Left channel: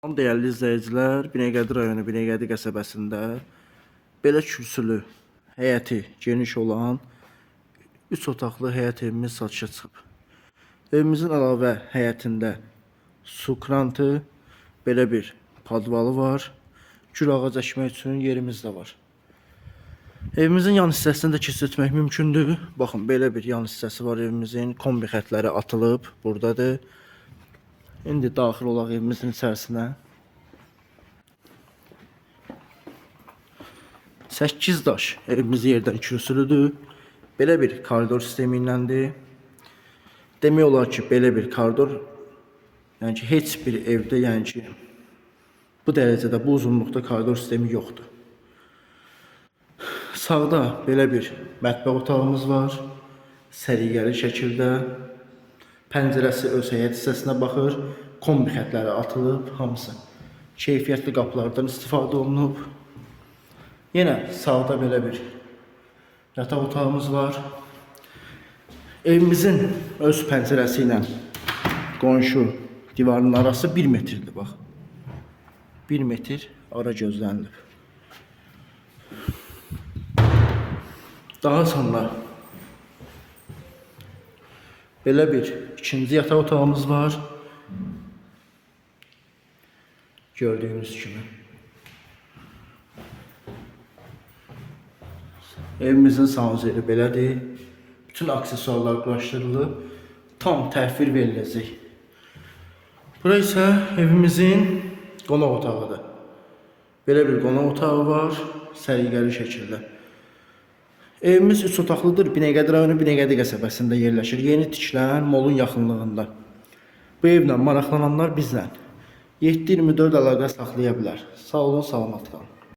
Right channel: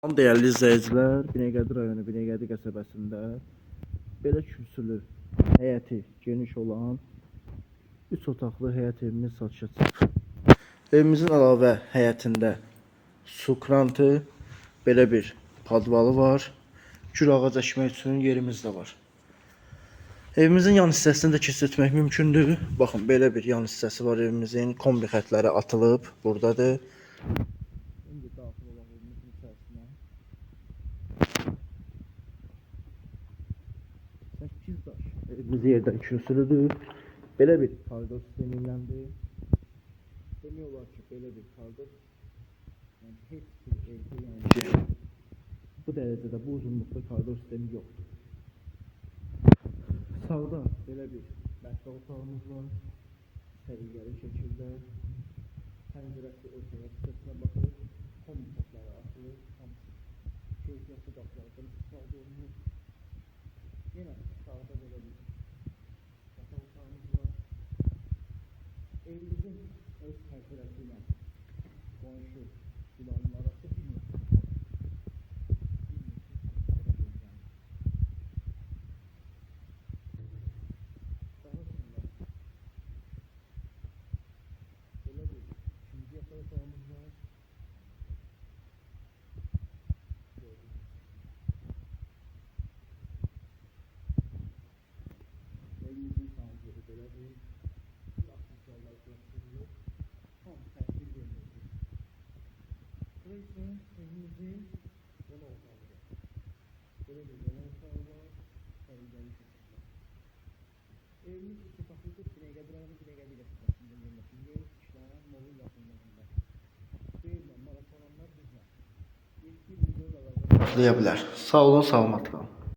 Değerli izləyicilər, Binəqədi rayonu Binəqədi qəsəbəsində belə kürsülü, həyəti geniş olan 3 otaqlı həyət evimiz satışa çıxıb. Evimizin əlavə həyətində su krantı, belə bir padvalı var. Gül ağac əkmək üçün yerimiz də var. Evimizin yan hissəsini də keçirtmək mümkündür. Baxın, belə bir yan hissəsi var evimizin. Kombi xətləri atılıb, buradadır. İndi daxil olaq evimizin içərisinə. 8 daş evimiz yerdən kürsülüdür. Belə bir koridor sistemi iləndir. Demək olar ki, belə bir koridor, yəni ki, heç bir evdə, yəni ki, bu dərəcədə, bu uzunluqda koridor sistemi yoxdur. Sağda belə bir mətbəx otağımız var. Səliqəli şəkildə. Pəncərəsi öz həyət hissəsinə baxır. Kombi xətləri atılıb, hamısı keyfiyyətli qapılardan istifadə olunub. Yenə sağda belə bir yataq otağımız var. Evimizin öz pəncərəsi ilə qonşu divarın arası 1 metrdir, bax. 1 metr ara gözlənilib. Daha sonra belə bir ikinci yataq otağımız var. Gördüğünüz kimi. Evimizin sanuzeli belədir. Bütün aksesuarlar quraşdırılıb. Tam təhvil veriləcək. Bura isə evimizin qonaq otağıdır. Belə bir qonaq otağı var. Səliqəli şəkildə. Evimiz 3 otaqlıdır. Binəqədi rayonu Binəqədi qəsəbəsində yerləşir. Yeni tikilən molun yaxınlığında. Bu evlə maraqlananlar bizlə 7/24 əlaqə saxlaya bilər. Sağ olun, salamat qalın.